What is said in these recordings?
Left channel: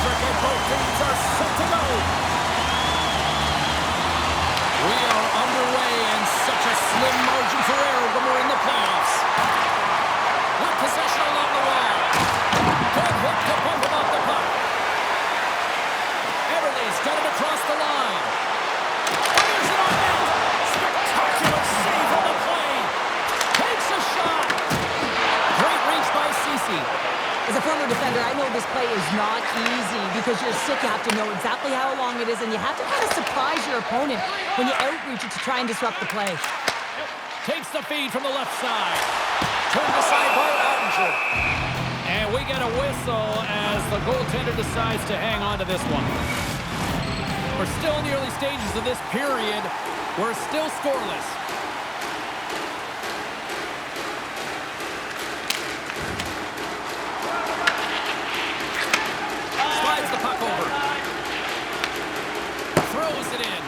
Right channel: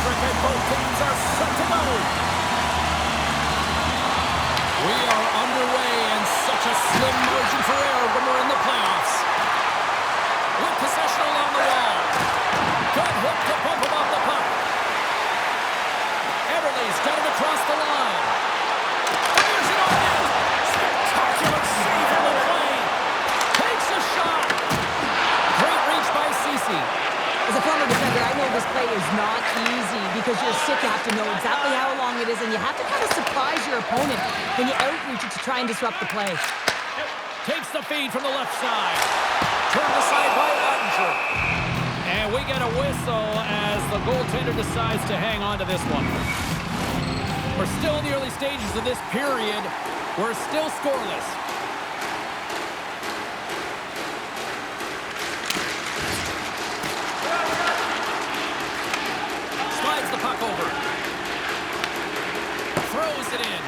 electric, and both teams are set to go. We are underway, and such a slim margin for error when we're in the playoffs. With possession along the wall. Good hook to bump him off the puck. Everly's got it across the line. Fires it on net. Spectacular save on the play. Takes a shot. Great reach by Ceci. As a former defender, I know this play is not easy because you're sick. You have to know exactly how long it is, and you have to kind of surprise your opponent when you outreach it to try and disrupt the play. Takes the feed from the left side. Turned aside by Ottinger. And we get a whistle as the goaltender decides to hang on to this one. We're still in the early stages of this period. We're still scoreless. Slides the puck over. Throws it in.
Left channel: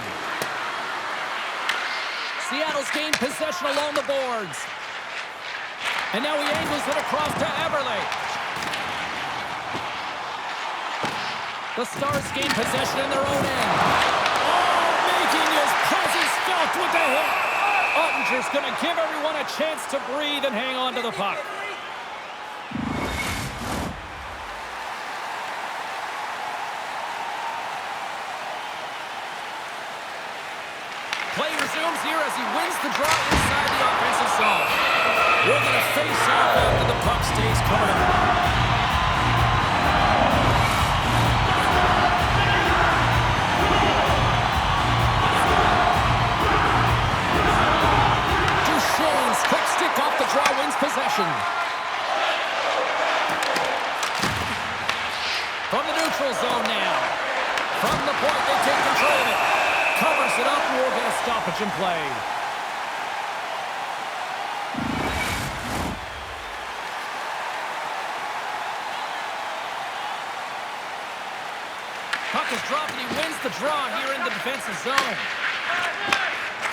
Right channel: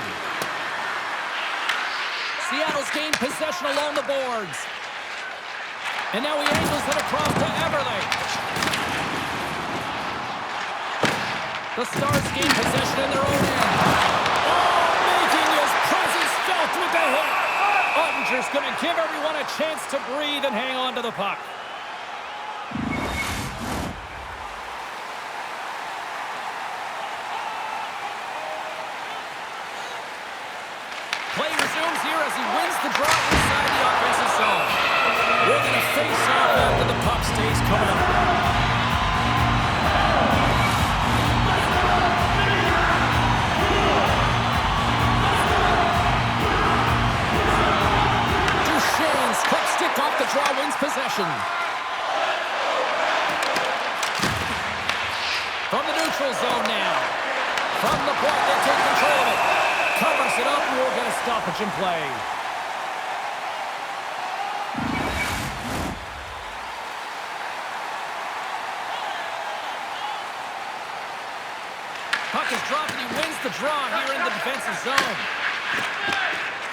Seattle's gained possession along the boards. And now he angles it across to Everly. The Stars gain possession in their own end. Oh, making his presence felt with the hit. Ottinger's going to give everyone a chance to breathe and hang on to the puck. Play resumes here as he wins the draw inside the offensive zone. We're going to face off after the puck stays coming up. Duchesne's quick stick off the draw wins possession. From the neutral zone now. From the point, they take control of it. Covers it up, and we'll get a stoppage in play. Puck is dropped, and he wins the draw here in the defensive zone.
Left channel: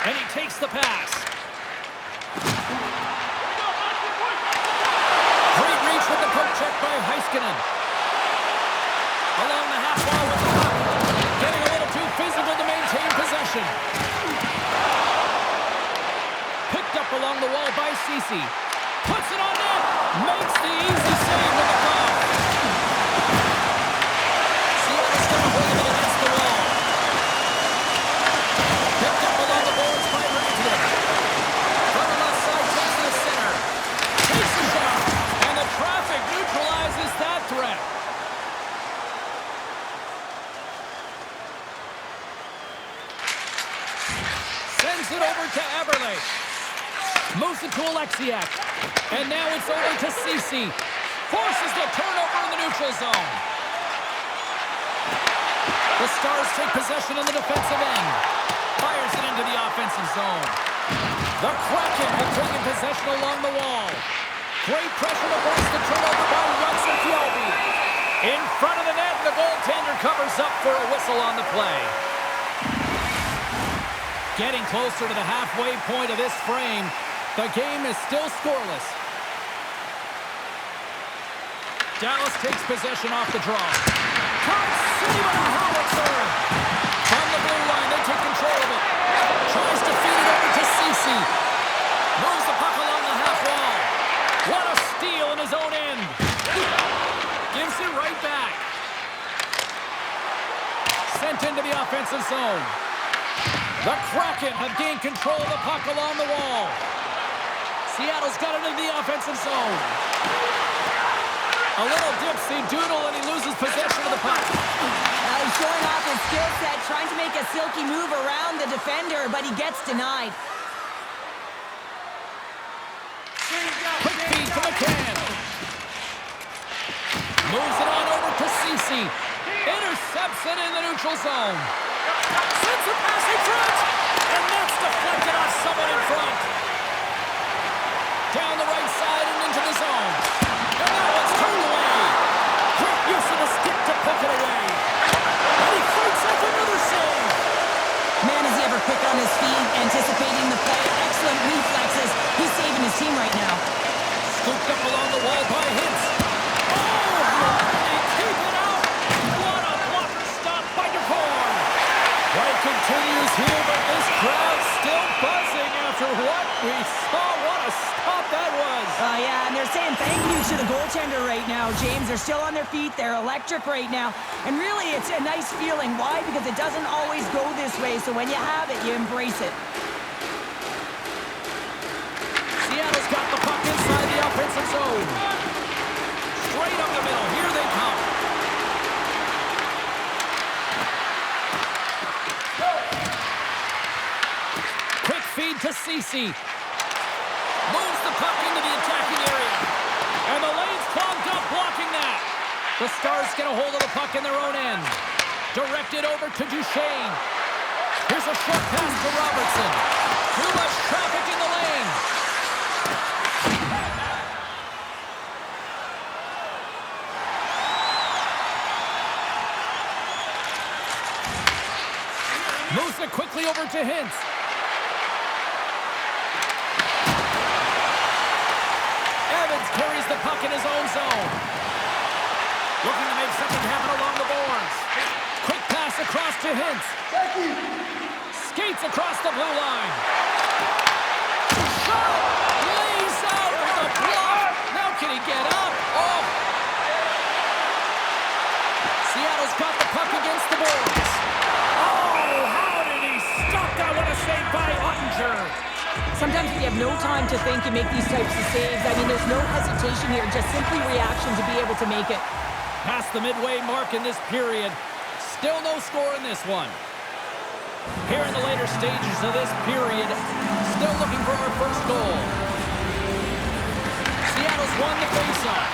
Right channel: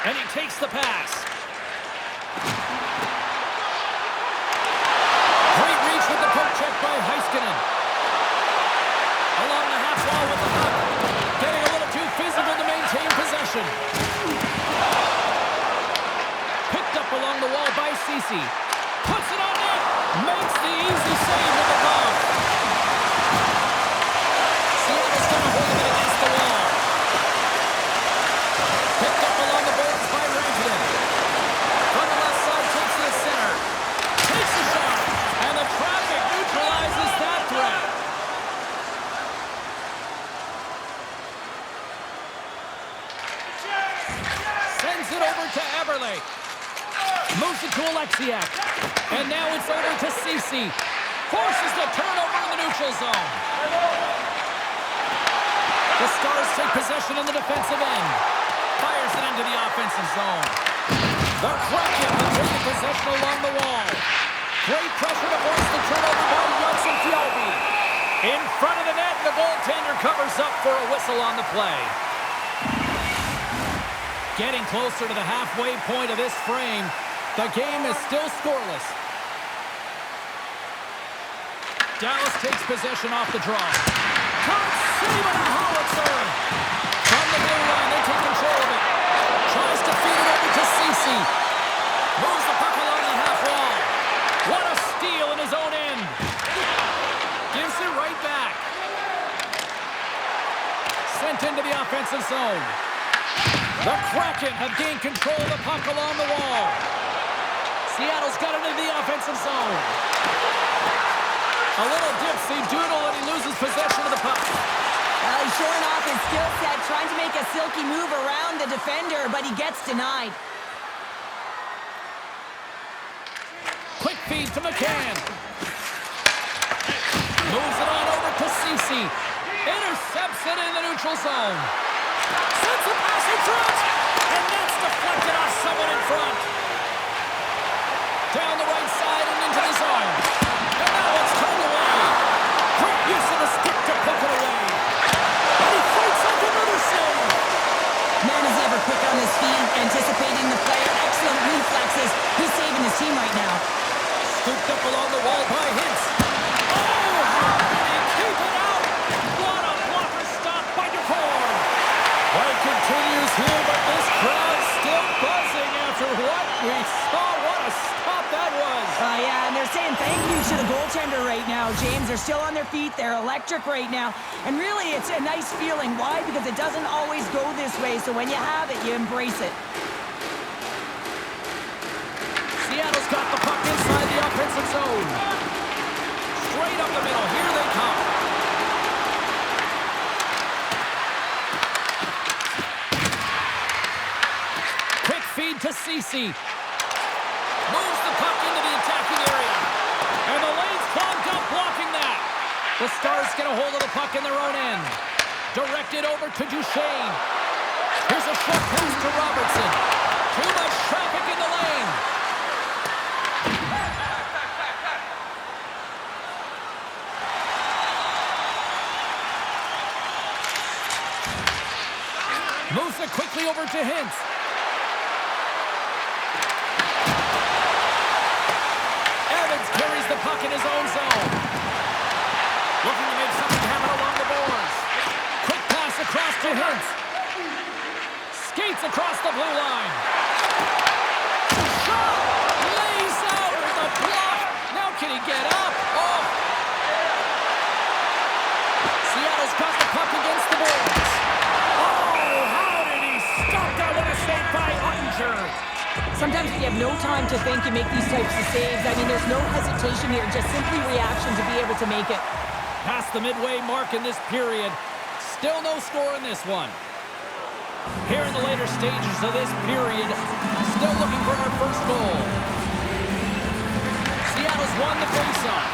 And he takes the pass. Great reach with the poke check by Heiskanen. Along the half wall with the puck. Getting a little too physical to maintain possession. Picked up along the wall by Ceci. Puts it on net. Makes the easy save with the glove. Seattle's going to hold it against the wall. Picked up along the boards by Rantanen. From the left side, takes to the center. Takes a shot. And the traffic neutralizes that threat. Sends it over to Everly. Moves it to Alexiak. And now it's over to Ceci. Forces the turnover in the neutral zone. The Stars take possession in the defensive end. Fires it into the offensive zone. The Kraken have taken possession along the wall. Great pressure to force the turnover by Johnson Fjallby. In front of the net, the goaltender covers up for a whistle on the play. Getting closer to the halfway point of this frame. The game is still scoreless. Dallas takes possession off the draw. Caught saving a howitzer. From the blue line, they take control of it. Tries to feed it over to Ceci. Moves the puck along the half wall. What a steal in his own end. Gives it right back. Sent into the offensive zone. The Kraken have gained control of the puck along the wall. Seattle's got it into the offensive zone. A little dipsy doodle and he loses possession of the puck. He's showing off his skill set, trying to make a silky move around the defender, but he gets denied. Quick feed to McCann. Moves it on over to Ceci. Intercepts it in the neutral zone. Sends the pass in front. And that's deflected off someone in front. Down the right side and into the zone. And that one's turned away. Great use of the stick to poke it away. And he fights off another save. Man, is he ever quick on his feet, anticipating the play. Excellent reflexes. He's saving his team right now. Scooped up along the wall by Hintz. Oh, how did he keep it out? too, but this crowd's still buzzing after what we saw. What a stop that was. Yeah, and they're saying thank you to the goaltender right now, James. They're still on their feet. They're electric right now. And really, it's a nice feeling. Why? Because it doesn't always go this way. So when you have it, you embrace it. Seattle's got the puck inside the offensive zone. Straight up the middle. Here they come. Quick feed to Ceci. Moves the puck into the attacking area. And the lane's clogged up, blocking that. The Stars get a hold of the puck in their own end. Directed over to Duchesne. Here's a short pass to Robertson. Too much traffic in the lane. Moves it quickly over to Hintz. Evans carries the puck in his own zone. Looking to make something happen along the boards. Quick pass across to Hintz. Skates across the blue line. Shot! Lays out with a block. Now can he get up? Oh! Seattle's got the puck against the boards. Oh, how did he stop that? What a save by Ottinger. Sometimes when you have no time to think, you make these types of saves. I mean, there's no hesitation here, just simply reaction to be able to make it. Past the midway mark in this period. Still no score in this one. Here in the later stages of this period, still looking for our first goal. Seattle's won the faceoff.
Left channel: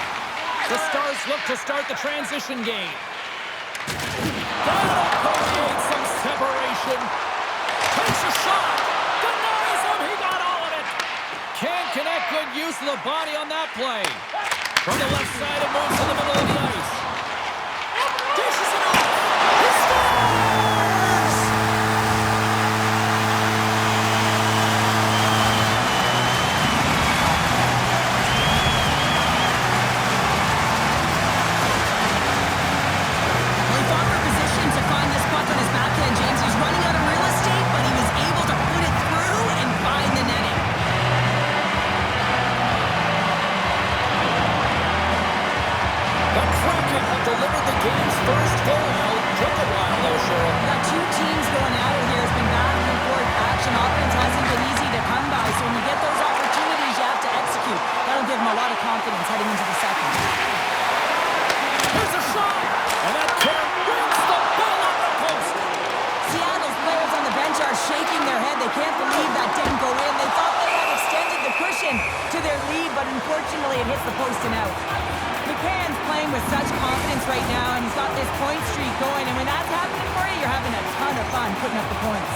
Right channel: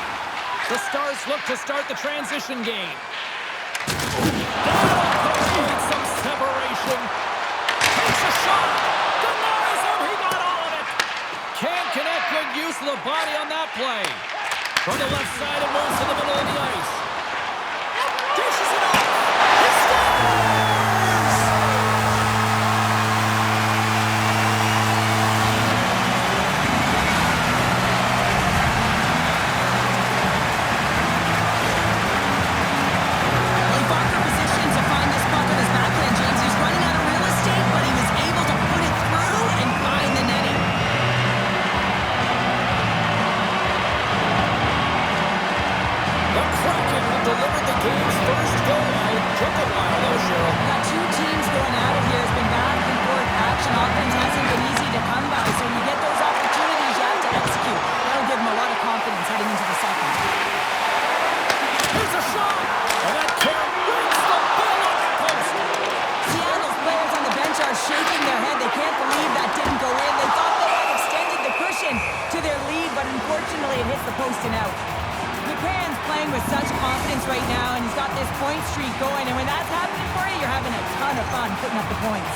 The Stars look to start the transition game. That'll create some separation. Takes a shot. Denies him. He got all of it. Can't connect. Good use of the body on that play. From the left side, it moves to the middle of the ice. Dishes it off. He scores! Well, he fought for position to find this puck on his backhand, James. He's running out of real estate, but he was able to put it through and find the netting. The Kraken have delivered the game's first goal. Well, it took a while, though, Cheryl. We've got two teams going at it here. It's been back and forth action. Offense hasn't been easy to come by, so when you get those opportunities, you have to execute. That'll give them a lot of confidence heading into the second. Here's a shot, and that carry brings the ball on the post. Seattle's players on the bench are shaking their head. They can't believe that didn't go in. They thought they had extended the cushion to their lead, but unfortunately it hits the post and out. McCann's playing with such confidence right now, and he's got this point streak going, and when that's happening for you, you're having a ton of fun putting up the points.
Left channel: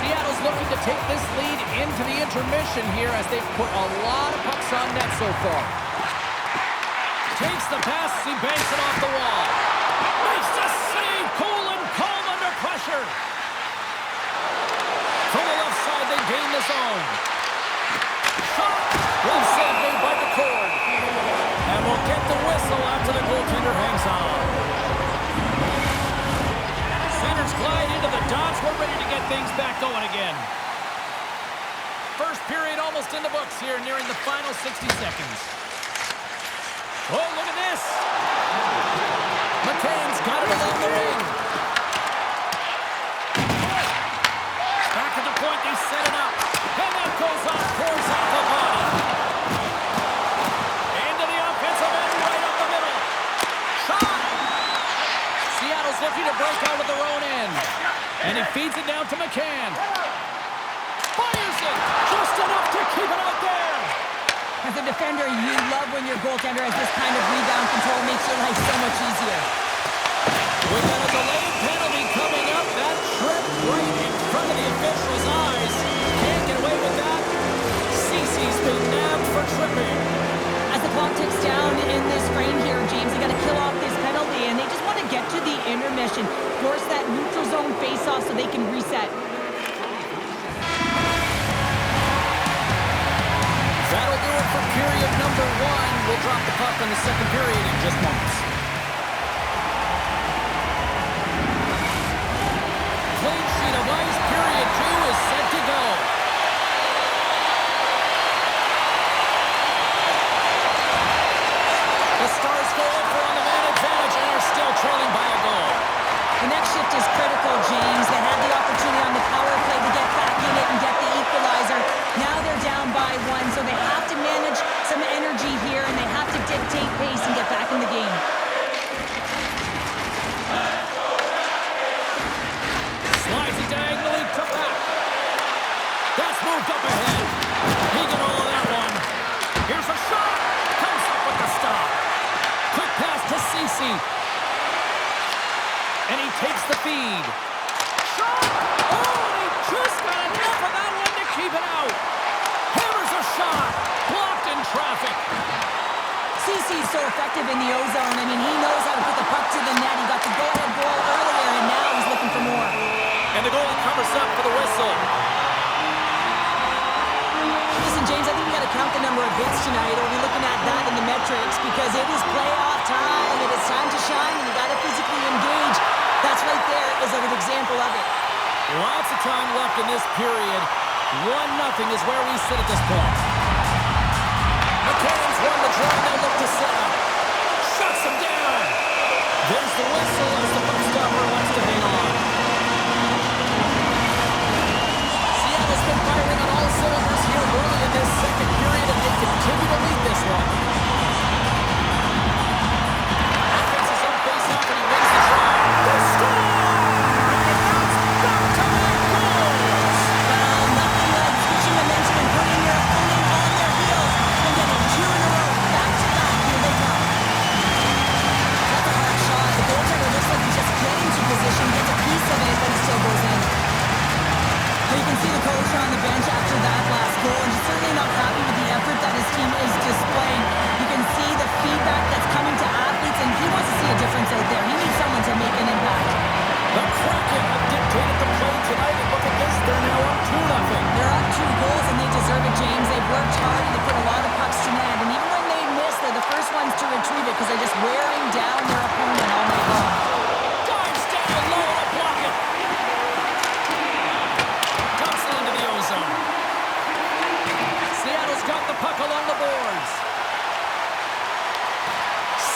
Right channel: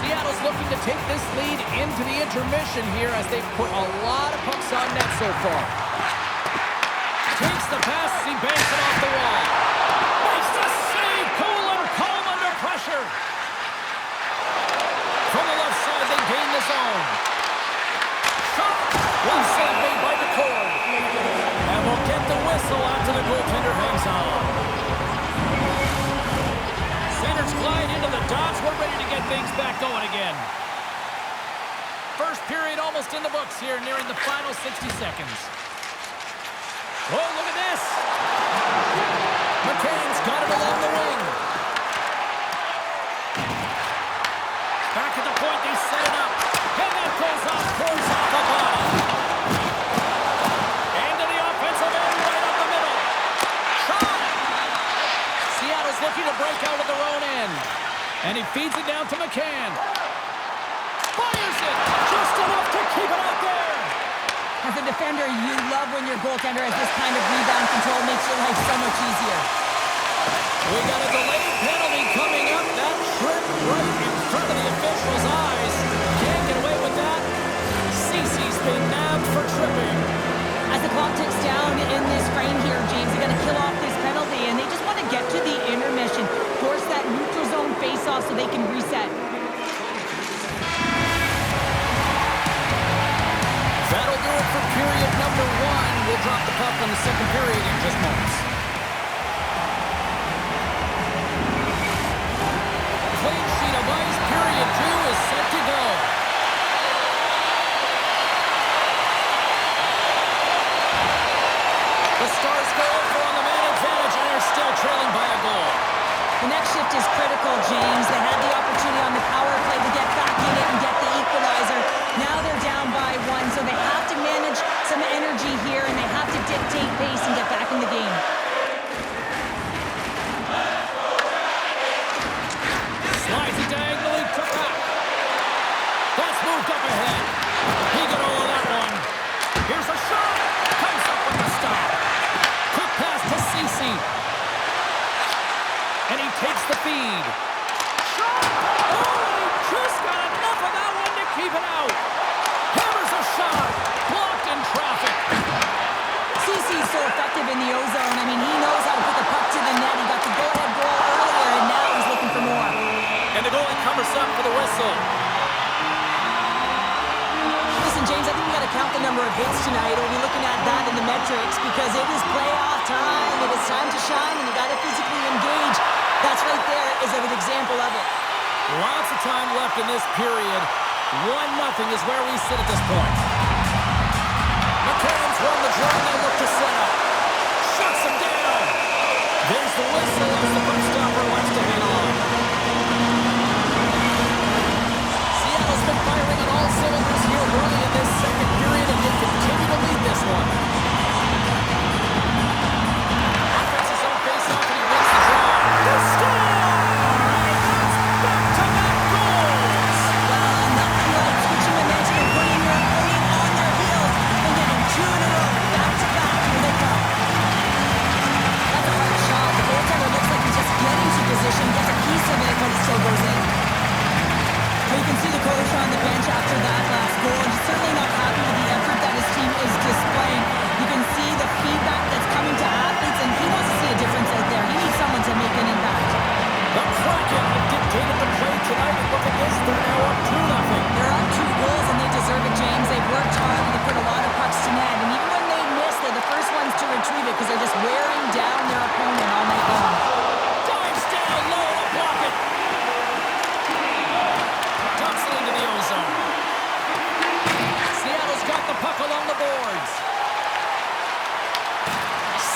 Seattle's looking to take this lead into the intermission here as they've put a lot of pucks on net so far. Takes the pass as he banks it off the wall. Makes the save, cool and calm under pressure. From the left side, they gain the zone. Shot! One save made by McCord. And we'll get the whistle after the goaltender hangs on. Centers glide into the dots. We're ready to get things back going again. First period almost in the books here, nearing the final 60 seconds. Oh, look at this. McCann's got it along the wing. Back at the point, they set it up. And that goes off, pours off the body. Into the offensive end, right up the middle. Shot! Seattle's looking to break out of their own end. And he feeds it down to McCann. Fires it! Just enough to keep it out there! As a defender, you love when your goaltender has this kind of rebound control. Makes your life so much easier. We got a delayed penalty coming up. That trip right in front of the official's eyes. Can't get away with that. Ceci's been nabbed for tripping. As the clock ticks down in this frame here, James, they got to kill off this penalty, and they just want to get to the intermission, force that neutral zone face-off so they can reset. That'll do it for period number one. We'll drop the puck on the second period in just moments. Clean sheet of ice, period The Stars go over on the man advantage and are still trailing by a goal. The next shift is critical, James. They had the opportunity on the power play to get back in it and get the equalizer. Now they're down by 1, so they have to manage some energy here, and they have to dictate pace and get back in the game. Slides it diagonally to back. That's moved up ahead. He got all of that one. Here's a shot. Comes up with the stop. Quick pass to Ceci. And he takes the feed. Shot! Oh, and he just got enough of that one to keep it out. Hammers a shot. Blocked in traffic. Ceci's so effective in the O-zone. I mean, he knows how to put the puck to the net. He got the go-ahead goal earlier, and now he's looking for more. And the goalie covers up for the whistle. Listen, James, I think we got to count the number of hits tonight. We'll be looking at that in the metrics because it is playoff time. It is time to shine, and you got to physically engage. That's right there is an example of it. Lots of time left in this period. 1-0 is where we sit at this point. McCann's won the draw. They'll look to set up. Shuts him down. There's the whistle as the puck stopper wants to hang on. Seattle's been firing on all cylinders here early in this second period, and they continue to lead this one. Offense his own face-off, and he wins the draw. They score! And that's back-to-back goals! Well, nothing like switching momentum and putting your opponent on their heels and getting 2 in a row, back-to-back. Here they come. That's a hard shot. The goaltender looks like he's just getting to position, gets a piece of it, but it still goes in. But you can see the coach on the bench after that last goal, and he's certainly not happy with the effort that his team is displaying. You can see the feedback that's coming to athletes, and he wants to see a difference out there. He needs someone to make an impact. The Kraken have dictated the play tonight, and look at this, they're now up 2-0. They're up 2 goals, and they deserve it, James. They've worked hard, and they put a lot of pucks to net, and even when they miss, they're the first ones to retrieve it because they're just wearing down their opponent all night long. Dives down low to block it. Dumps it into the O-zone. Seattle's got the puck along the boards.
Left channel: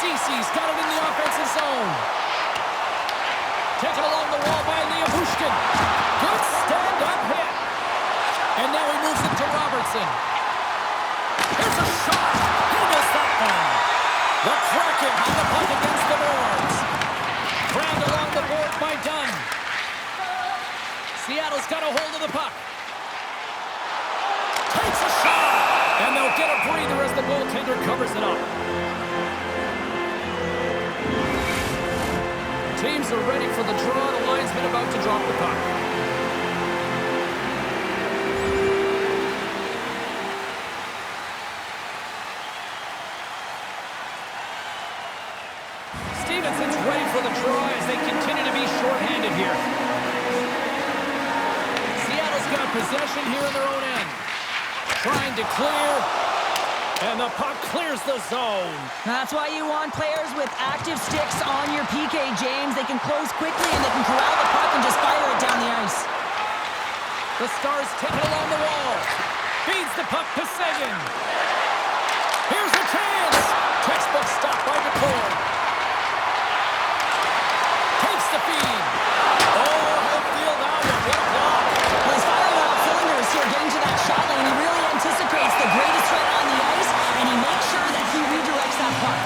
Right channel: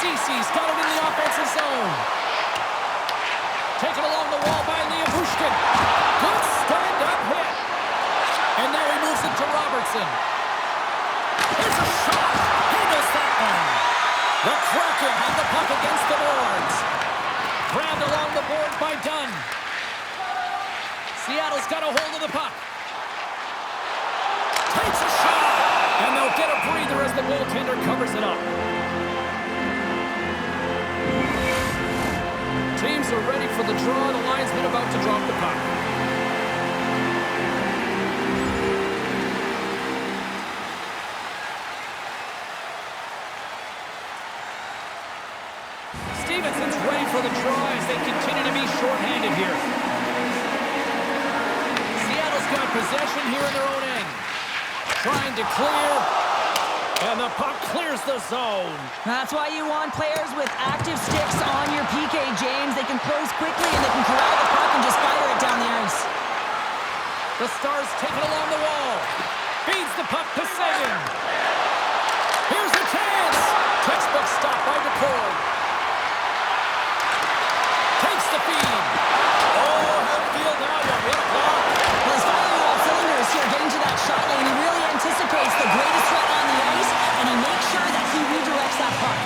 Ceci's got it in the offensive zone. Taken along the wall by Liam Hushkin. Good stand-up hit. And now he moves it to Robertson. Here's a shot. He missed that one. The Kraken have the puck against the boards. Grabbed along the board by Dunn. Seattle's got a hold of the puck. Takes a shot. And they'll get a breather as the goaltender covers it up. Teams are ready for the draw. The linesman about to drop the puck. Stevenson's ready for the draw as they continue to be shorthanded here. Seattle's got possession here in their own end. Trying to clear. And the puck clears the zone. That's why you want players with active sticks on your PK, James. They can close quickly and they can corral the puck and just fire it down the ice. The Stars take it along the wall. Feeds the puck to Seguin. Here's a chance. Textbook stop by DeCord. Takes the feed. Oh, he'll feel that one. What a block. Well, he's firing on all cylinders here, getting to that shot lane. He really anticipates the greatest threat on the ice, and he makes sure that he redirects that puck.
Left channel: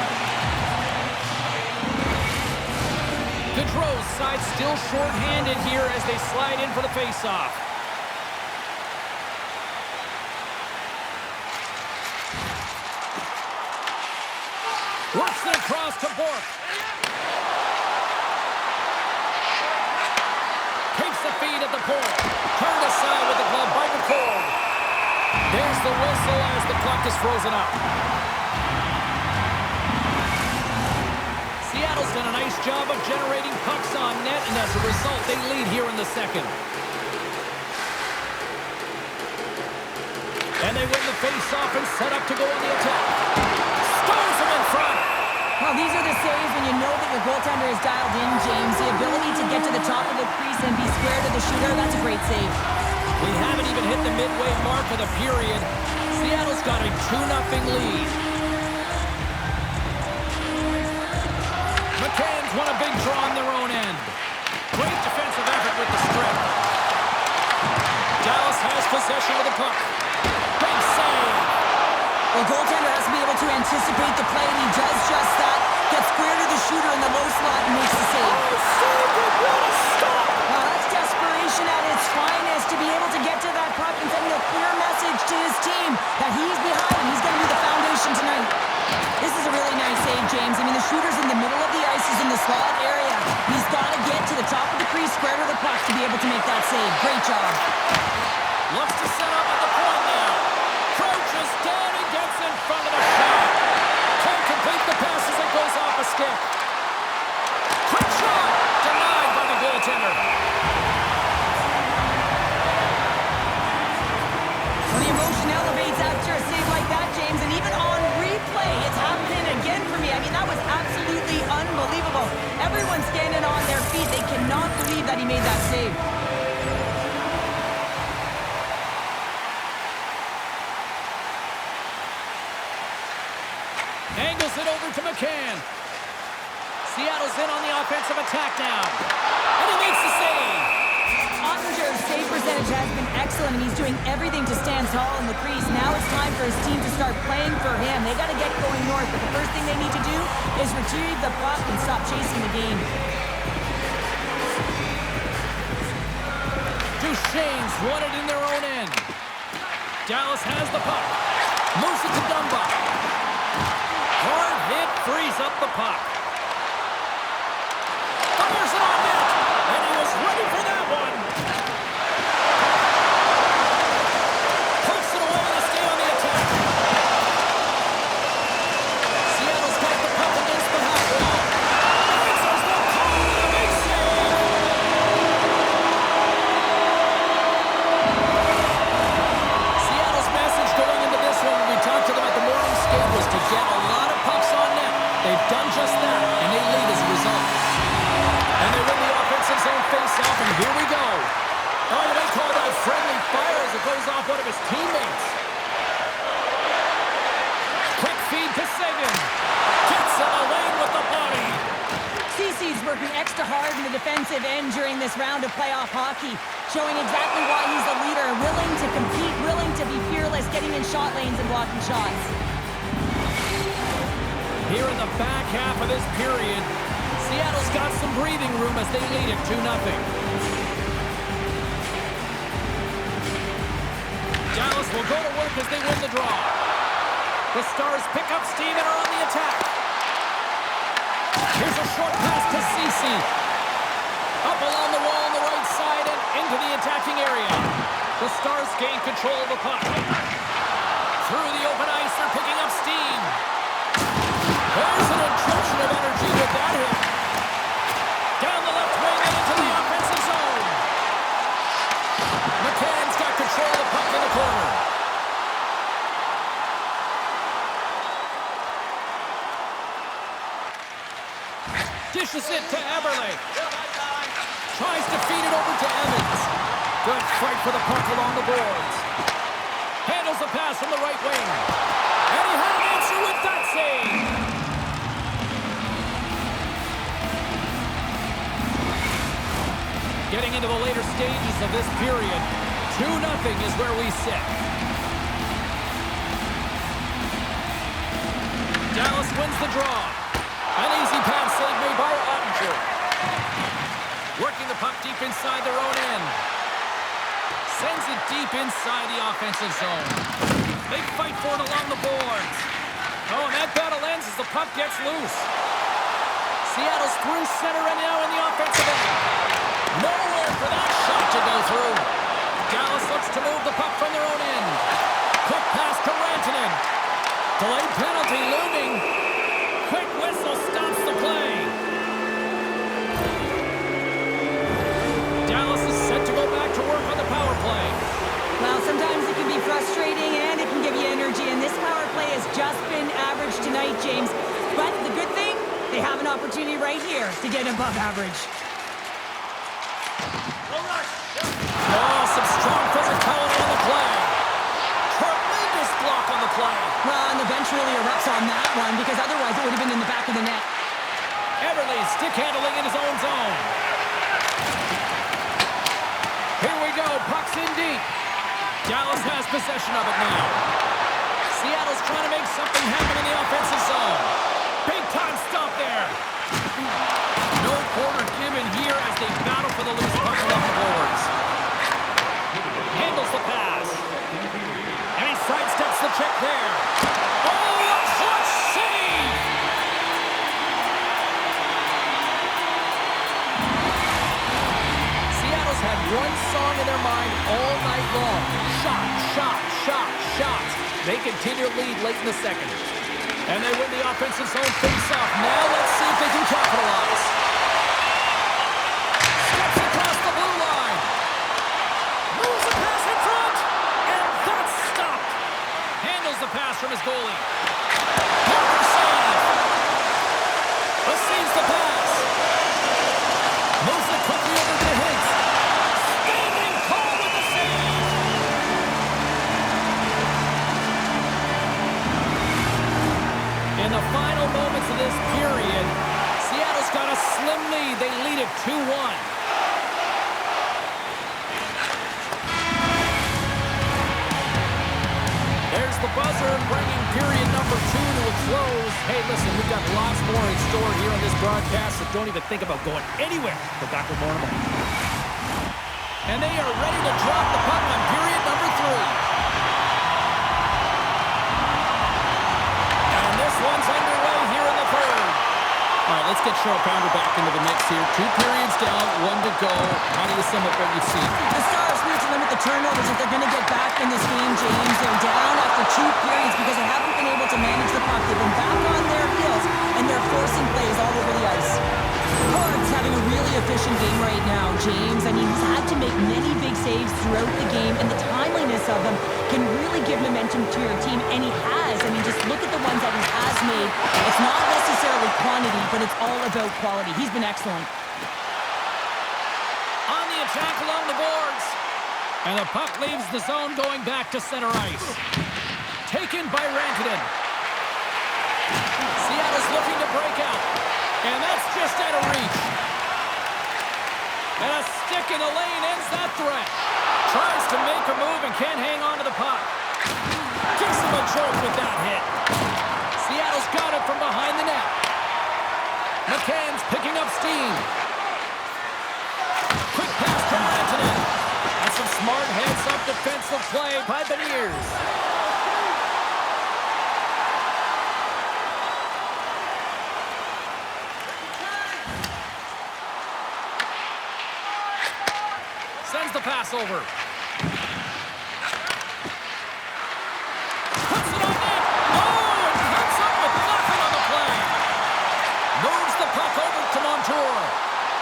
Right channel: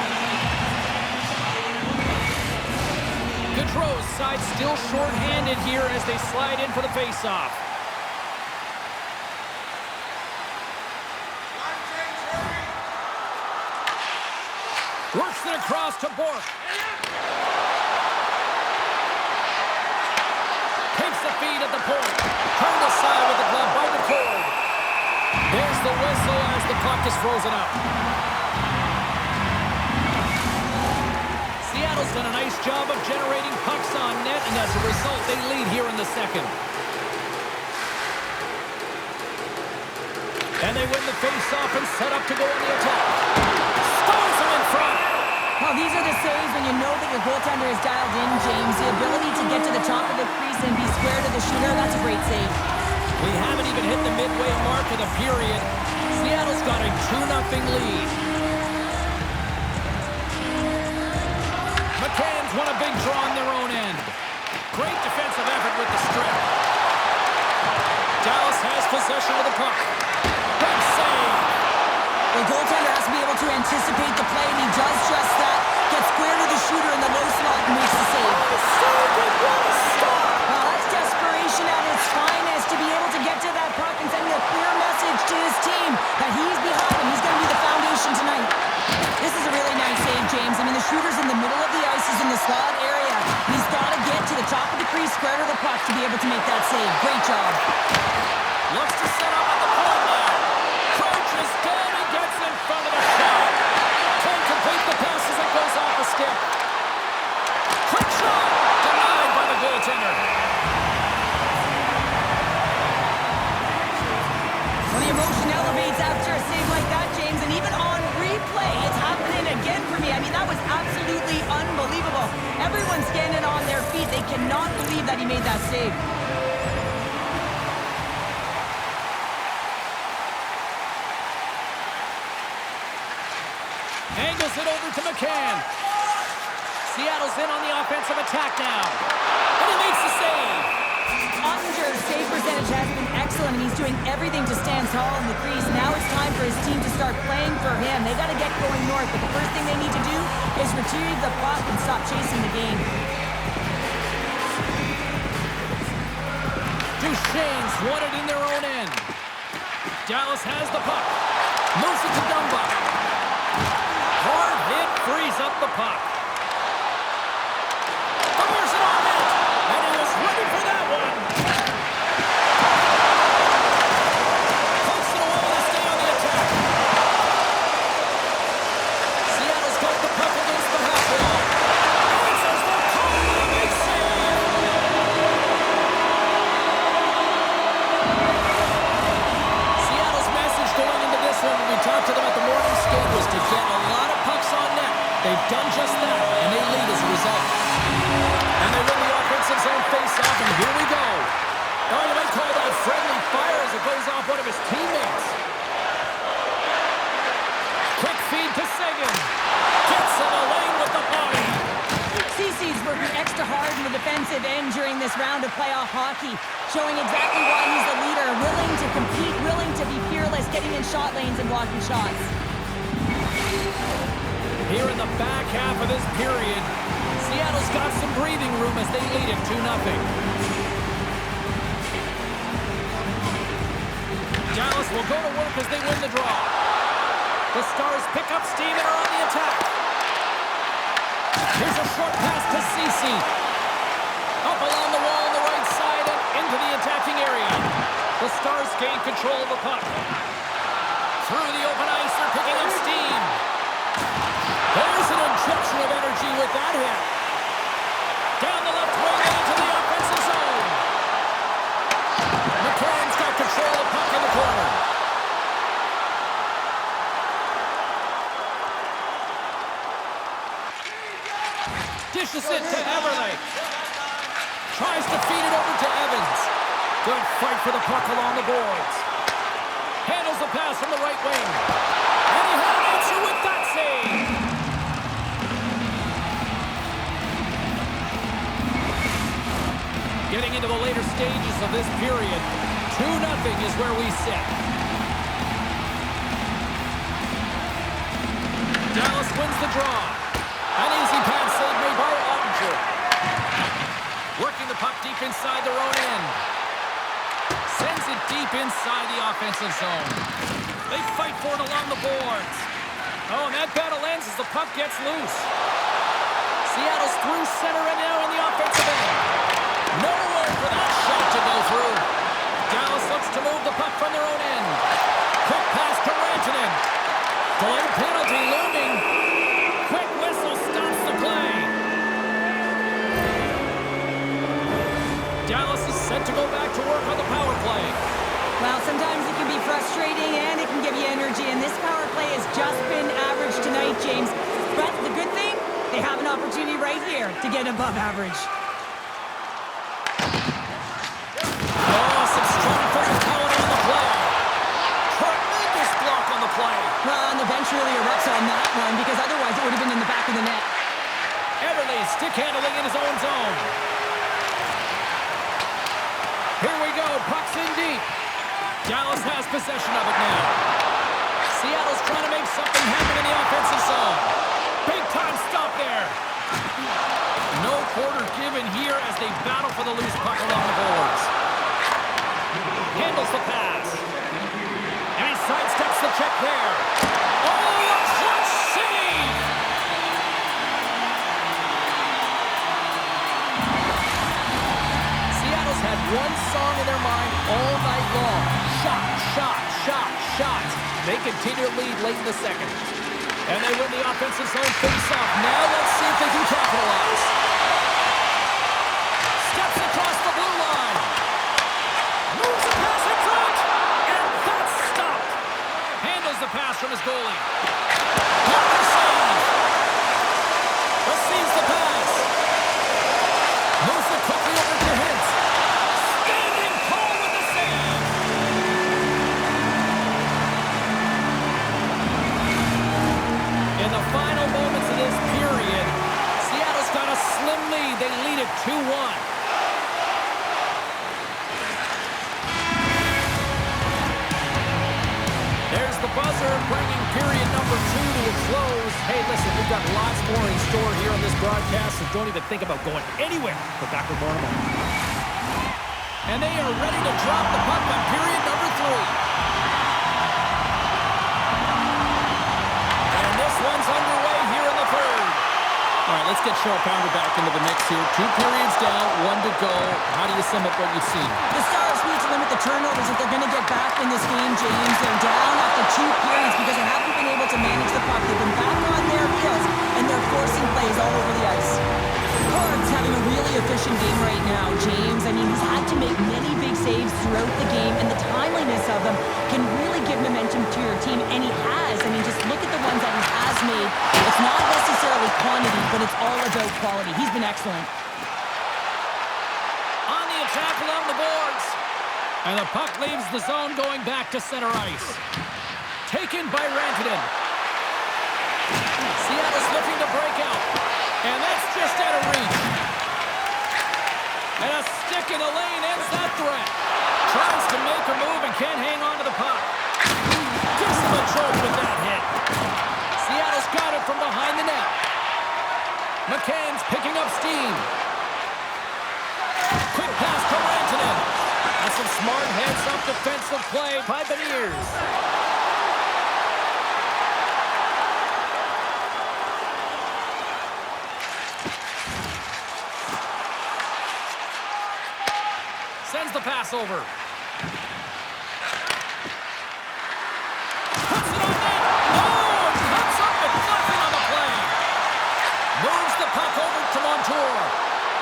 Gaudreau's side still short-handed here as they slide in for the face-off. Works it across to Bourque. Takes the feed at the point. Turned aside with the glove by DeCord. There's the whistle as the puck is frozen up. Seattle's done a nice job of generating pucks on net, and as a result, they lead here in the second. And they win the face-off and set up to go on the attack. Stones him in front. Well, these are the saves when you know that your goaltender is dialed in, James. The ability to get to the top of the crease and be square to the shooter, that's a great save. We haven't even hit the midway mark of the period. Seattle's got a 2-0 lead. with the strip. Dallas has possession of the puck. Big save. The goaltender has to be able to anticipate the play, and he does just that. Gets square to the shooter in the low slot and makes the save. Oh, saved it! What a stop! Well, that's desperation at its finest, to be able to get to that puck and sending a clear message to his team that he's behind him. He's going to be the foundation tonight. This is a really nice save, James. I mean, the shooter's in the middle of the ice. He's in the slot area. He's got to get to the top of the crease, square to the puck to be able to make that save. Great job. Looks to set up at the point now. Crouches down and gets in front of the shot. Can't complete the pass as it goes off a stick. Quick shot! Denied by the goaltender. Well, the emotion elevates after a save like that, James, and even on replay, it's happening again for me. I mean, that was absolutely unbelievable. Everyone's standing on their feet. They cannot believe that he made that save. Angles it over to McCann. Seattle's in on the offensive attack now. And he makes the save. Ottinger's save percentage has been excellent, and he's doing everything to stand tall in the crease. Now it's time for his team to start playing for him. They got to get going north, but the first thing they need to do is retrieve the puck and stop chasing the game. Duchesne's won it in their own end. Dallas has the puck. Moves it to Dumba. Hard hit frees up the puck. Fires it on net. And he was ready for that one. Puts it away to stay on the attack. Seattle's got the puck against the half wall. Answers the call with a big save. Seattle's message going into this one when we talked to them at the morning skate was to get a lot of pucks on net. They've done just that, and they lead as a result. And they win the offensive zone face-off, and here we go. Oh, you might call that friendly fire as it goes off one of his teammates. Quick feed to Seguin. Gets in the lane with the body. Cece's working extra hard in the defensive end during this round of playoff hockey, showing exactly why he's a leader, willing to compete, willing to be fearless, getting in shot lanes and blocking shots. Here in the back half of this period, Seattle's got some breathing room as they lead it 2-0. Dallas will go to work as they win the draw. The Stars pick up steam and are on the attack. Here's a short pass to Cece. Up along the wall on the right side and into the attacking area. The Stars gain control of the puck. Through the open ice, they're picking up steam. There's an injection of energy with that hit. Down the left wing and into the offensive zone. McCann's got control of the puck in the corner. Dishes it to Eberle. Tries to feed it over to Evans. Good fight for the puck along the boards. Handles the pass from the right wing. And he had an answer with that save. Getting into the later stages of this period, 2-0 is where we sit. Dallas wins the draw. An easy pad save made by Ottinger. Working the puck deep inside their own end. Sends it deep inside the offensive zone. They fight for it along the boards. Oh, and that battle ends as the puck gets loose. Seattle's through center and now in the offensive end. Nowhere for that shot to go through. Dallas looks to move the puck from their own end. Quick pass to Rantanen. Delayed penalty looming. Quick whistle stops the play. Dallas is set to go back to work on the power play. Well, sometimes it can be frustrating and it can give you energy, and this power play has just been average tonight, James. But the good thing, they have an opportunity right here to get above average. Oh, some strong physicality on the play. Tremendous block on the play. Well, and the bench really erupts on that one, because otherwise it would have been in the back of the net. Eberle stick handling in his own zone. go. Puck's in deep. Dallas has possession of it now. Seattle's trying to make something happen in the offensive zone. Big time stop there. No quarter given here as they battle for the loose puck along the boards. Handles the pass. And he sidesteps the check there. Oh, a clutch save! Seattle's had one song in their mind all night long. Shot, shot, shot, shot. They continue to lead late in the second. And they win the offensive zone face-off. Now let's see if they can capitalize. Steps across the blue line. Moves a pass in front. And that's stopped. Handles the pass from his goalie. Blocker save. Receives the pass. Moves it quickly over to Hintz. Standing tall with the save. In the final moments of this period, Seattle's got a slim lead. They lead it 2-1. There's the buzzer, bringing period number 2 to a close. Hey, listen, we've got lots more in store here on this broadcast, so don't even think about going anywhere. We're back with more in a moment. And they are ready to drop the puck on period number 3. And this one's underway here in the third. All right, let's get Cheryl Pounder back into the mix here. 2 periods down, 1 to go. How do you sum up what you've seen? The Stars need to limit the turnovers if they're going to get back in this game, James. They're down after 2 periods because they haven't been able to manage the puck. They've been back on their heels, and they're forcing plays all over the ice. Hard's having a really efficient game right now, James. I mean, he's had to make many big saves throughout the game, and the timeliness of them can really give momentum to your team, and he has. I mean, just look at the ones that he has made. It's not necessarily quantity, but it's all about quality. He's been excellent. On the attack along the boards. And the puck leaves the zone going back to center ice. Taken by Rantanen. Seattle's looking to break out. And that's just out of reach. And a stick in the lane ends that threat. Tries to make a move and can't hang on to the puck. Gives him a jolt with that hit. Seattle's got it from behind the net. McCann's picking up steam. Quick pass to Rantanen. That's some smart heads-up defensive play by Beniers. Sends the pass over. Puts it on net. Oh, and comes up with nothing on the play. Moves the puck over to Montour.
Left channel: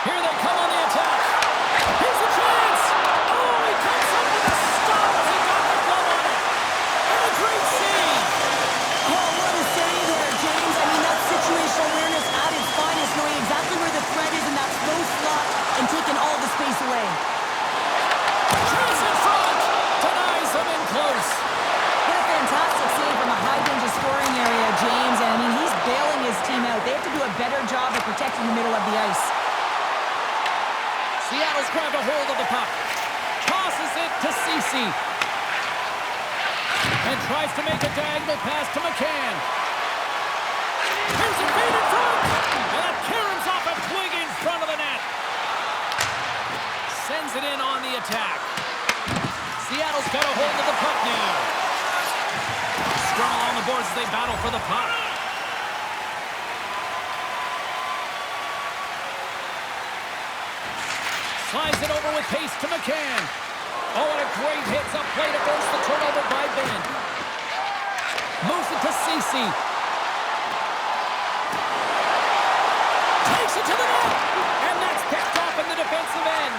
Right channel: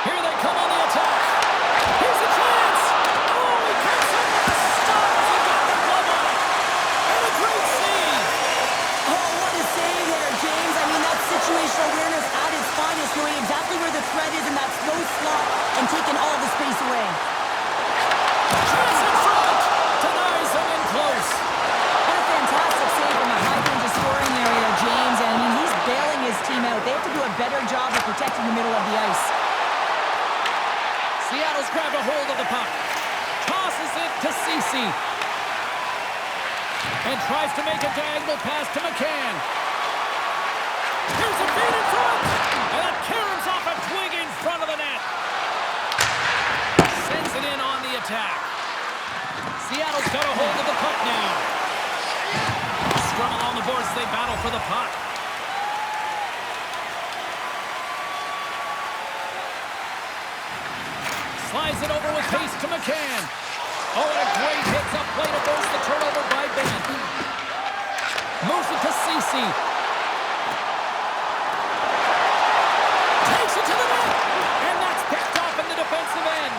Here they come on the attack. Here's a chance. Oh, he comes up with a stop as he got the glove on it. And a great save. Oh, what a save there, James. I mean, that's situational awareness at its finest, knowing exactly where the threat is in that slow slot and taking all the space away. Chance in front. Denies him in close. What a fantastic save from a high-danger scoring area, James. And I mean, he's bailing his team out. They have to do a better job of protecting the middle of the ice. Seattle's grabbed a hold of the puck. Tosses it to Ceci. And tries to make a diagonal pass to McCann. Here's a feed in front. And that caroms off a twig in front of the net. Sends it in on the attack. Seattle's got a hold of the puck now. Scrum along the boards as they battle for the puck. Slides it over with pace to McCann. Oh, and a great hits up play to force the turnover by Ben. Moves it to Ceci. Takes it to the net. And that's picked off in the defensive end.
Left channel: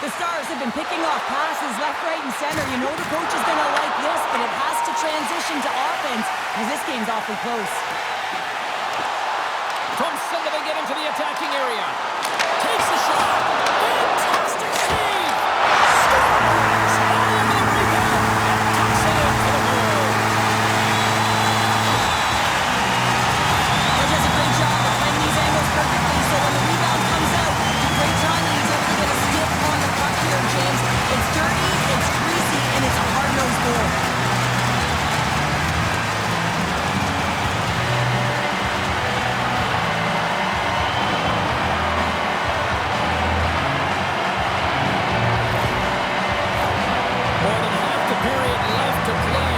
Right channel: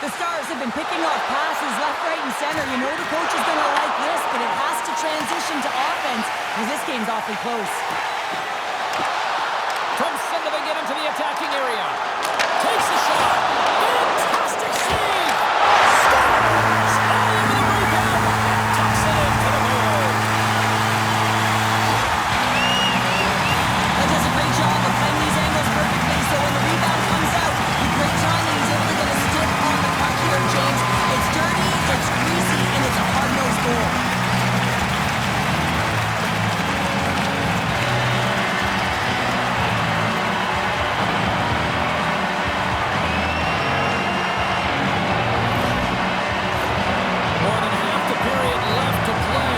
The Stars have been picking off passes left, right, and center. You know the coach is going to like this, but it has to transition to offense because this game's awfully close. From center, they get into the attacking area. Takes a shot. Fantastic save. Scores. All over the rebound and tucks it into the goal. He does a great job of playing these angles perfectly, so when the rebound comes out, with great timing, he's able to get a stick on the puck here, James. It's dirty, it's greasy, and it's a hard-nosed goal. More than half the period left to play.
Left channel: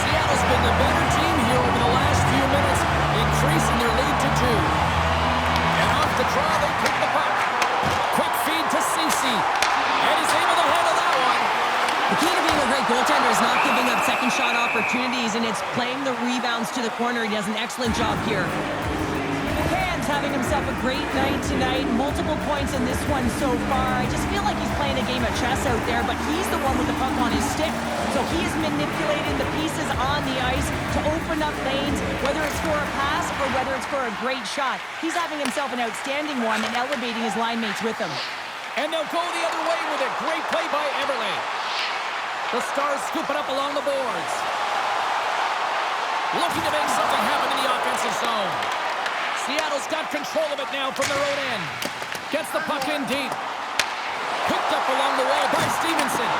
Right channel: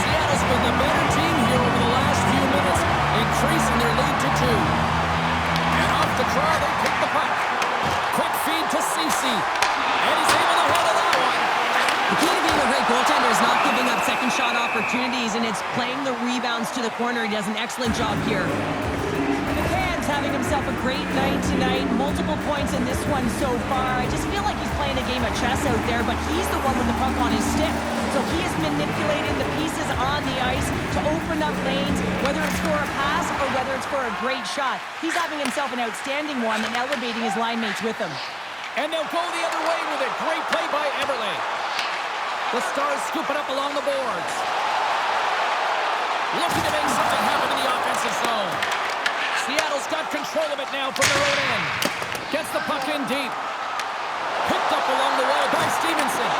Seattle's been the better team here over the last few minutes, increasing their lead to 2. And off the draw, they pick the puck. Quick feed to Ceci. And he's able to handle that one. The key to being a great goaltender is not giving up second shot opportunities, and it's playing the rebounds to the corner. He does an excellent job here. McCann's having himself a great night tonight. Multiple points in this one so far. I just feel like he's playing a game of chess out there, but he's the one with the puck on his stick. So he is manipulating the pieces on the ice to open up lanes, whether it's for a pass or whether it's for a great shot. He's having himself an outstanding one and elevating his line mates with him. And they'll go the other way with it. Great play by Eberle. The Stars scoop it up along the boards. Looking to make something happen in the offensive zone. Seattle's got control of it now from their own end. Gets the puck in deep. Picked up along the wall by Stevenson.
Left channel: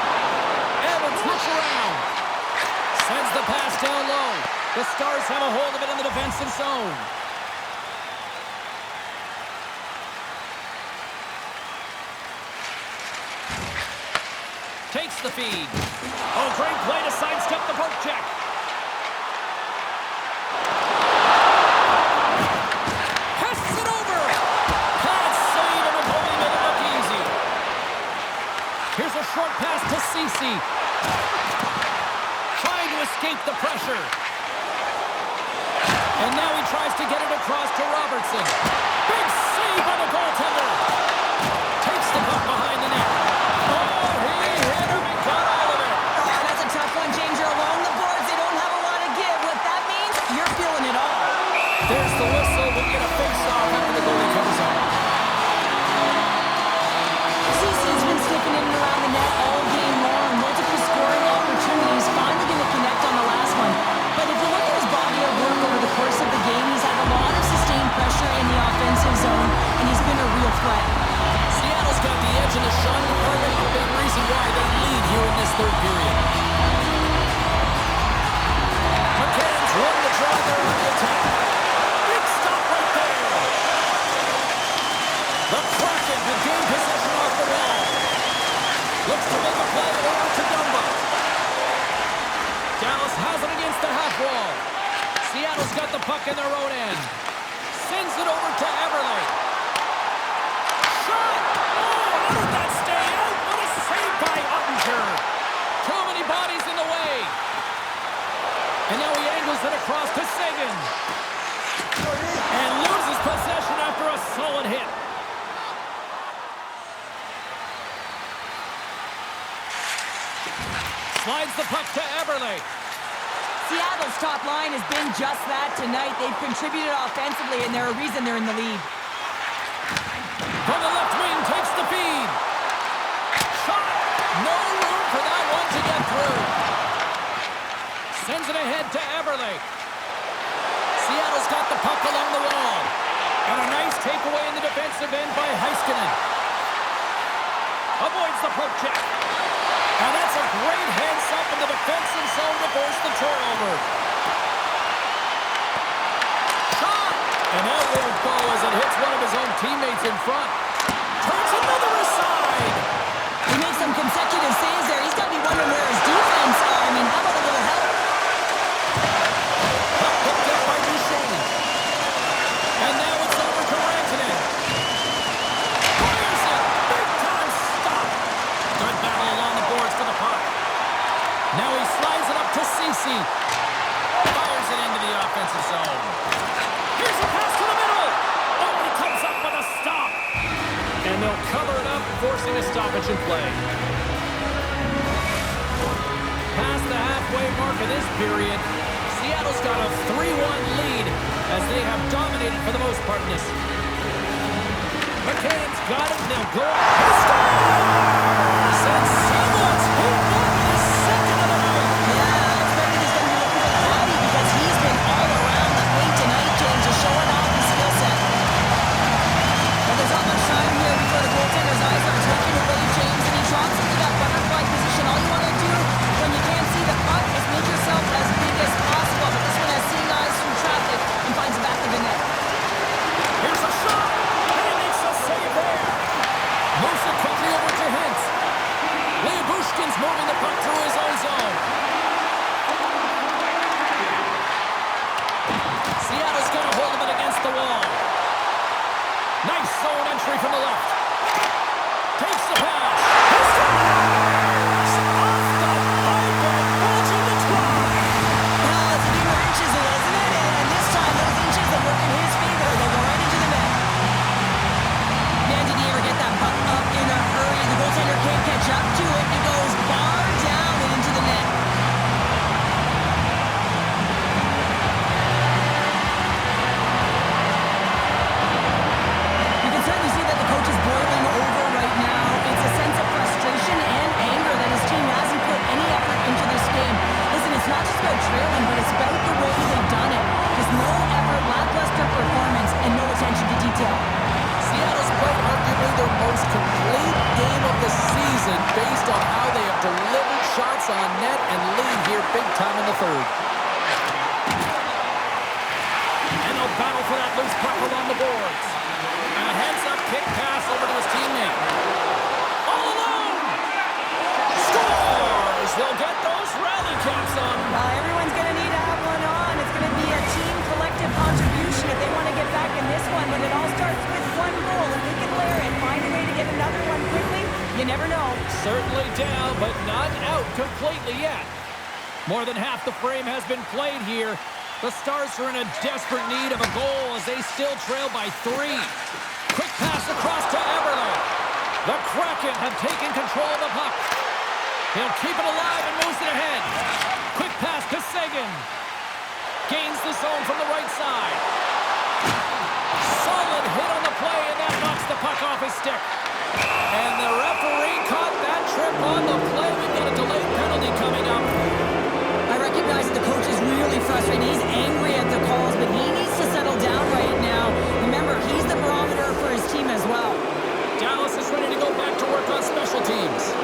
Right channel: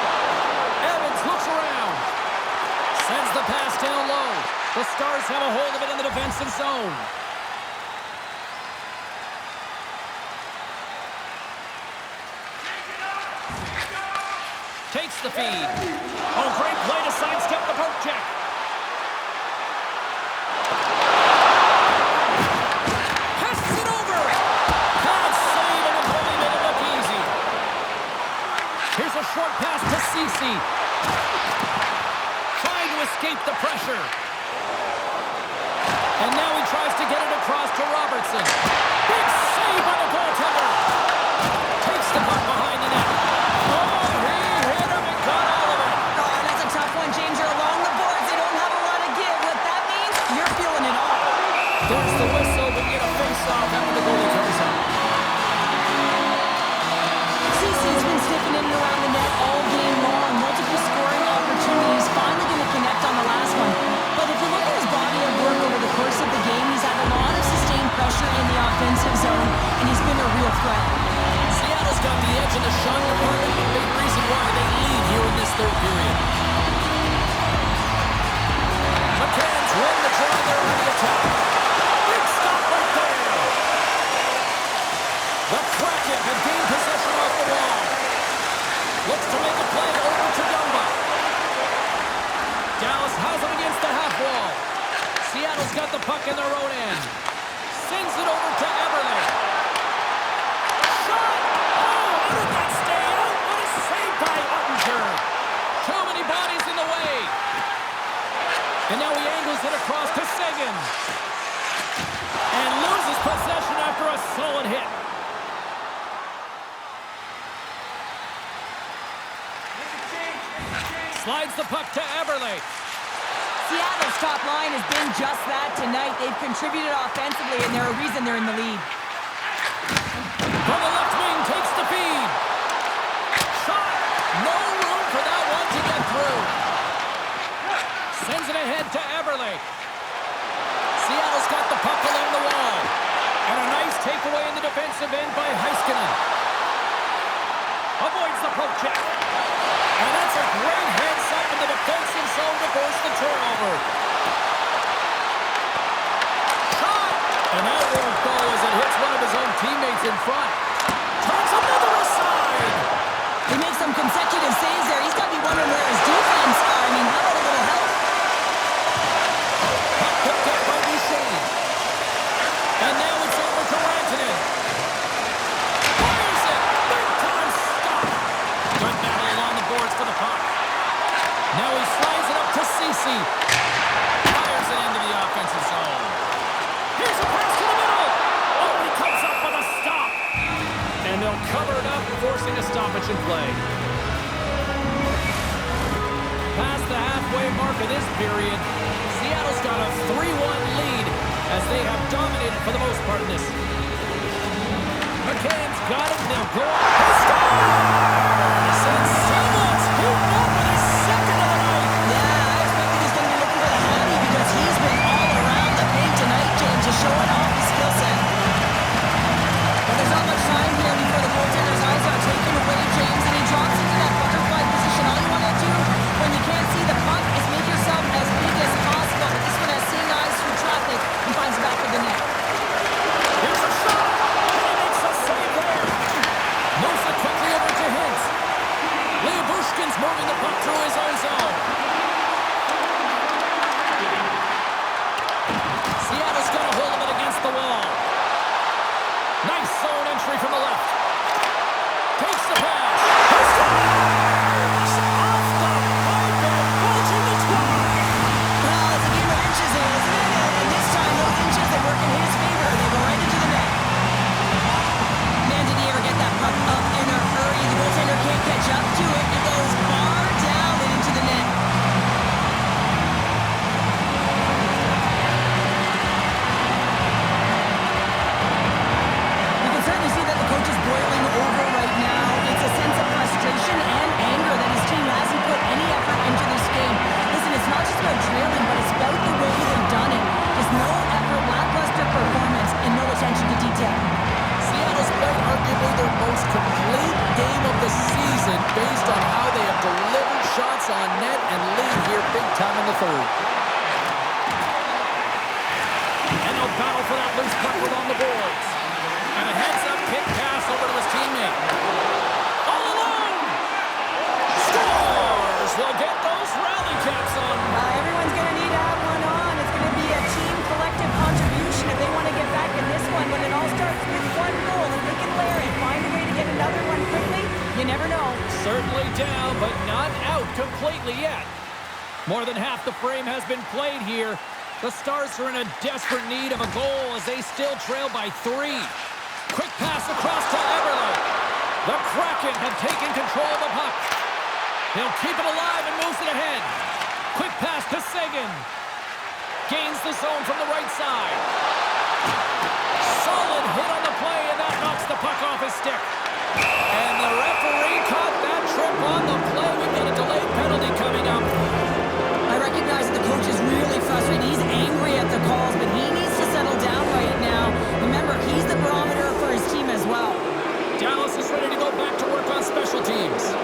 Evans looks around. Sends the pass down low. The Stars have a hold of it in the defensive zone. Takes the feed. Oh, great play to sidestep the poke check. Passes it over. Bad save, and the goalie made it look easy. Here's a short pass to Ceci. Trying to escape the pressure. And now he tries to get it across to Robertson. Big save by the goaltender. Takes the puck behind the net. Oh, he hit him and got all of it. Oh, that's a tough one, James. You're along the boards. They don't have a lot to give. What that means, you're feeling it all. There's the whistle. We get a face-off after the goalie covers up. Ceci's been sniffing in and around the net all game long. Multiple scoring opportunities. Finally going to connect on the last one. But if you look at his body of work over the course of the game, he's had a lot of sustained pressure in the offensive zone, and he's been a real threat. Seattle's got the edge in the shot department, a big reason why they lead here in this third period. McCann's won the draw there on the attack. Big stop right there. The Kraken have gained possession off the wall. Looks to make a play over to Dumba. Dallas has it against the half wall. Seattle's got the puck in their own end. Sends it over to Eberle. Shot! Oh, how did that stay out? What a save by Ottinger. Too many bodies in the way. And now he angles it across to Seguin. And loses possession after a solid hit. Slides the puck to Eberle. Seattle's top line has been just that tonight. They've contributed offensively, and they're a reason they're in the lead. From the left wing, takes the feed. Shot! No room for that one to get through. Sends it ahead to Eberle. Seattle's got the puck along the wall. And a nice takeaway in the defensive end by Heiskanen. Avoids the poke check. And that's a great heads-up in the defensive zone to force the turnover. Shot! And that won't go as it hits one of his own teammates in front. Turns another aside. He makes some consecutive saves there. He's got to be wondering where his defense are. I mean, how about a little help? Puck picked up by Duchesne. And now it's over to Rantanen. Fires it! Big time stop! Good battle along the boards for the puck. Now he slides it up to Ceci. Fires it into the offensive zone. Here's a pass to the middle. Oh, he comes up with a stop. And they'll cover it up, forcing a stoppage in play. Past the halfway mark of this period, Seattle's got a 3-1 lead as they have dominated for the most part in this. McCann's got it, and they'll go up. He scores! And someone's heating up with his second of the night. Yeah, I expected he's going to be looking for the Hattie because he's been all around the paint tonight, James, just showing off his skill set. But there's not much time here before the goal goaltender's eyes are taken away, James, and he drops into that butterfly position. All you want to do when you can't see the puck is make yourself as big as possible. But this one has seeing eyes through traffic and finds the back of the net. Here's a shot, and he makes a save there. Moves it quickly over to Hintz. Lyubushkin's moving the puck through his own zone. Seattle's got a hold of it against the wall. Nice zone entry from the left. Takes the pass. He scores! Off the pipe and bulging the twine. Well, it's a game of inches, isn't it? And this time, those inches, they work in his favor. They go right into the net. Man, did he ever get that puck up in a hurry? The goaltender can't catch up to it. It goes bar down and into the net. You can certainly see that the coach is boiling over right now. It's a sense of frustration and anger that his team hasn't put any effort into this game. Listen, it's not just about trailing, but it's about the way they've done it. Just no effort, lackluster performance, and no attention to detail. Seattle's played arguably their most complete game of the season based on how they have delivered shots on net and lead here big time in the third. And they'll battle for that loose puck along the boards. And a heads-up kick pass over to his teammate. All alone! Scores! They'll get those rally caps on. Everyone's going to need to have one on. It's going to be a team collective contribution if they want to get back in this one. But it all starts with one goal. If they can layer it, find a way to get another one quickly, you never know. Certainly down, but not out completely yet. More than half the frame has been played here. The Stars are in a desperate need of a goal as they still trail by 3. Quick pass across to Eberle. The Kraken have taken control of the puck. He'll keep it alive and moves it ahead. Quick pass to Seguin. Gains the zone from the right side. Solid hit on the play, and that knocks the puck off his stick. And the referee caught that trip on the play. We've got a delayed penalty coming up. I recognize that the coach is really frustrated. He's angry at the calls, but he needs to settle down right now. Remember, he's the barometer for his team as well. Dallas is ready to go back to work on special teams.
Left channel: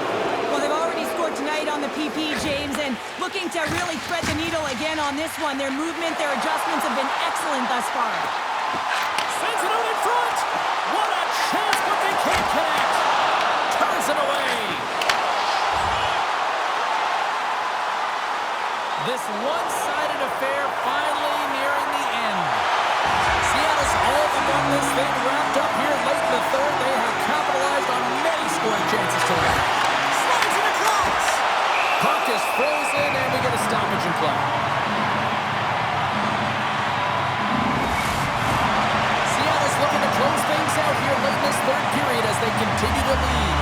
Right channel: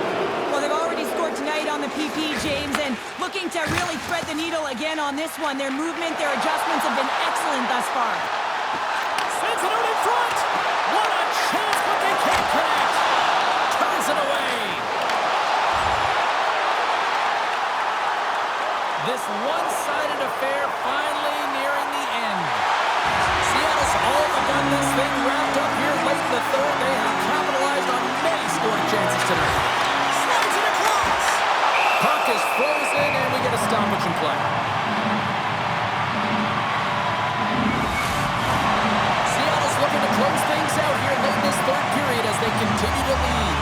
Well, they've already scored tonight on the PP, James, and looking to really thread the needle again on this one. Their movement, their adjustments have been excellent thus far. Sends it out in front. What a chance, but they can't connect. Turns it away. This one-sided affair finally nearing the end. Seattle's all but got this thing wrapped up here late in the third. They have capitalized on many scoring chances tonight. Slides it across. Puck is frozen, and we get a stoppage in play. Seattle's looking to close things out here late in this third period as they continue to lead.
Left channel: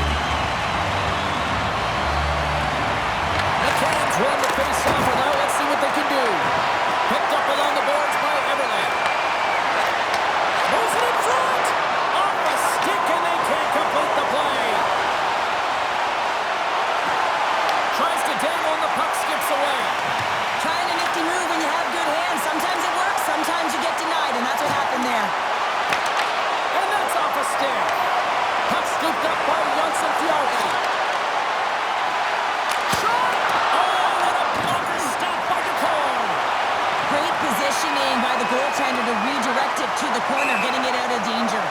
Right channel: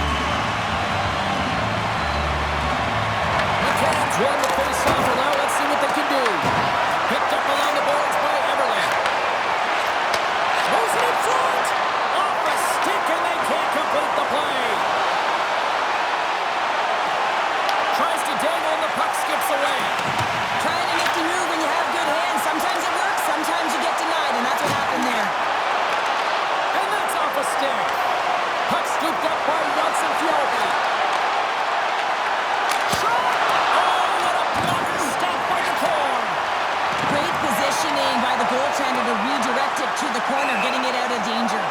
McCann's won the face-off. Now let's see what they can do. Picked up along the boards by Eberle. Moves it in front. Off a stick, and they can't complete the play. Tries to dangle, and the puck skips away. Trying a nifty move when you have good hands. Sometimes it works, sometimes you get denied, and that's what happened there. And that's off a stick. Puck scooped up by Johnson Fjallby. Shot! Oh, what a blocker stop by DeCord. Great positioning by the goaltender to redirect it to the corner, getting it out of danger.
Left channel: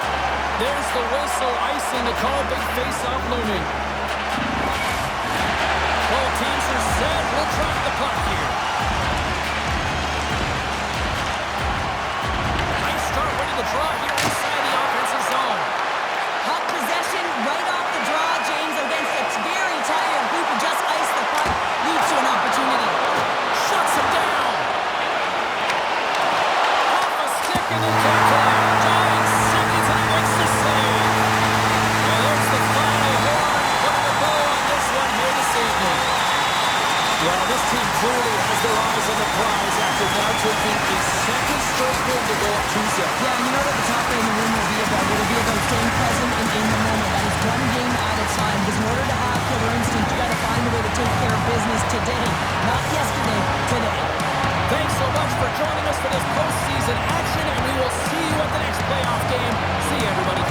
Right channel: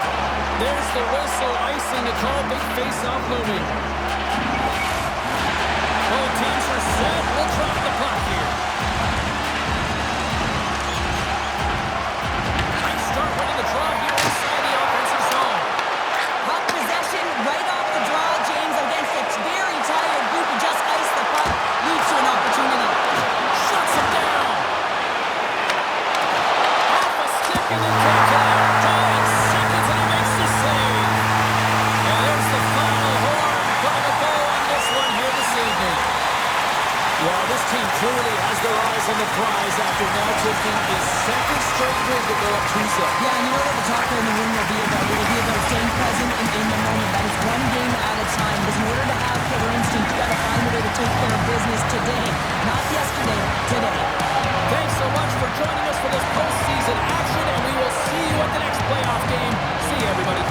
There's the whistle, icing the call, big face-off looming. Both teams are set. We'll drop the puck here. Nice start winning the draw here inside the offensive zone. Puck possession right off the draw, James, against a very tired group who just iced the puck, leads to an opportunity. Shuts him down. Off a stick and then can't connect. Dying seconds and he makes the save. And there's the final horn, putting a bow on this one here this evening. Well, this team clearly has their eyes on the prize after now taking a second straight win to go up 2-0. Yeah, and you know what the talk in the room will be about? It'll be about staying present and in the moment. That is one game at a time. Because in order to have killer instinct, you got to find a way to take care of business today. Not yesterday, today. Thanks so much for joining us for this postseason action, and we will see you at the next playoff game. See you, everybody.